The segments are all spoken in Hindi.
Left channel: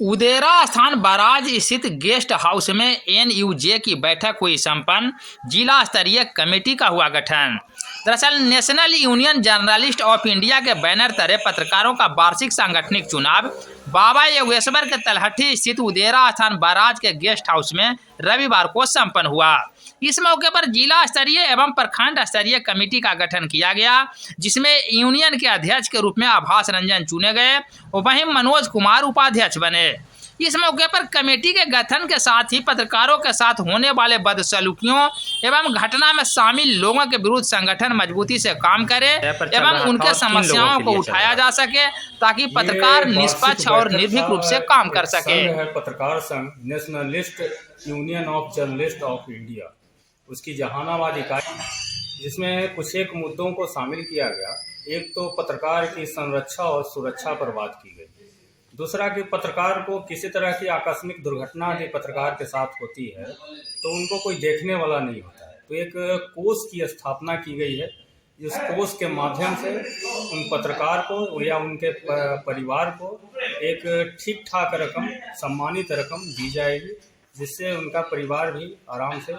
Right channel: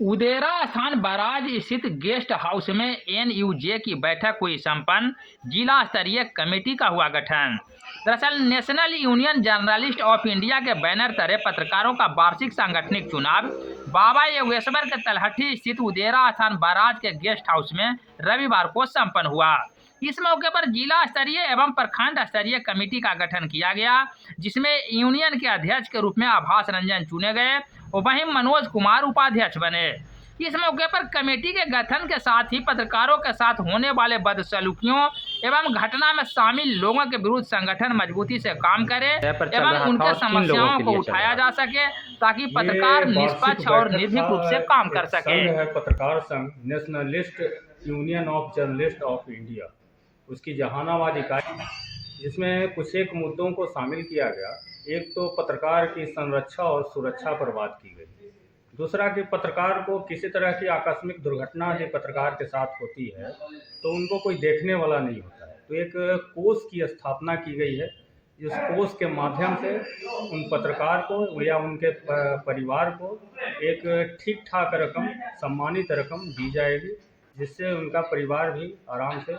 उदेरा स्थान बराज स्थित गेस्ट हाउस में एनयूजे की बैठक हुई संपन्न। जिला स्तरीय कमेटी का हुआ गठन। दरअसल national union journalist of India के बैनर तले पत्रकारों का वार्षिक सांगठनिक चुनाव बाबा योगेश्वर के तलहटी स्थित उदेरा स्थान बराज के गेस्ट हाउस में रविवार को संपन्न हुआ। इस मौके पर जिला स्तरीय एवं प्रखंड स्तरीय कमेटी का गठन किया गया, जिसमें यूनियन के अध्यक्ष के रूप में आभास रंजन चुने गए, वहीं मनोज कुमार उपाध्यक्ष बने। इस मौके पर कमेटी के गठन के साथ ही पत्रकारों के साथ होने वाले बदसलूकियों एवं घटना में शामिल लोगों के विरुद्ध संगठन मजबूती से काम करे एवं उनके समस्याओं को उठाया जा सके, ताकि पत्रकार निष्पक्ष और निर्भीक रूप से काम कर सके। पत्रकार संघ nationalist union of journalist of India, उसकी जहानाबाद इकाई, जिसमें कुछ एक मुद्दों को शामिल किया गया। एक तो पत्रकार की संरक्षा और सुरक्षा पर बात की गई। दूसरा कि पत्रकार को किसी तरह की आकस्मिक दुर्घटना यदि पत्रकार के साथ होती है तो उनको कोई देखने वाला नहीं होता है, तो एक कोष की स्थापना की गई है। इस कोष के माध्यम से उन पत्रकार को या उनके परिवार को एक ठीक ठाक रकम, सम्मानित रकम दी जाएगी, जिससे उनका परिवार भी आराम से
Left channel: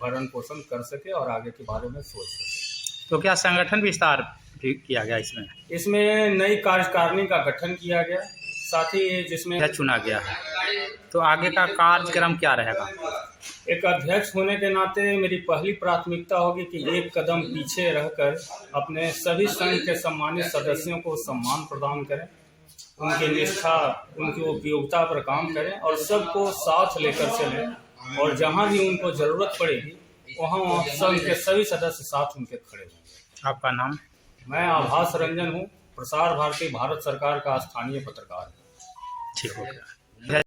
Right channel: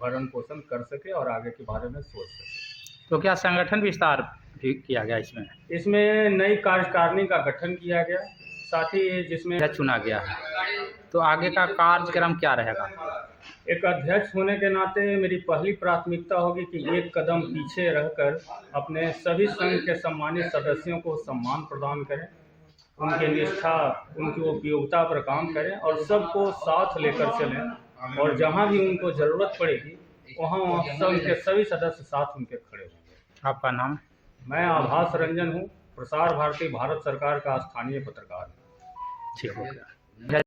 भरण पोषण कर सके और आगे के बारे में सोच सके। तो क्या संगठन विस्तार भी किया गया? इसमें नई कार्यकारिणी का गठन किया गया, साथ ही जिसमें चुना गया है। तो आगे का कार्यक्रम क्या रहेगा? एक अध्यक्ष होने के नाते मेरी पहली प्राथमिकता होगी कि एक कदम पीछे रहकर अपने सभी संघ के सम्मानित सदस्यों को सम्मान प्रदान करें, उनकी निष्ठा, उनकी उपयोगिता पर काम करें और सबको साथ लेकर चलें, और जहां भी उनको जरूरत पड़ेगी वहां संघ के सभी सदस्य साथ उनके खड़े हों। आपका नाम? मैं आभास रंजन हूँ, प्रसार भारती भारत सरकार का स्थानीय पत्रकार। ठीक है।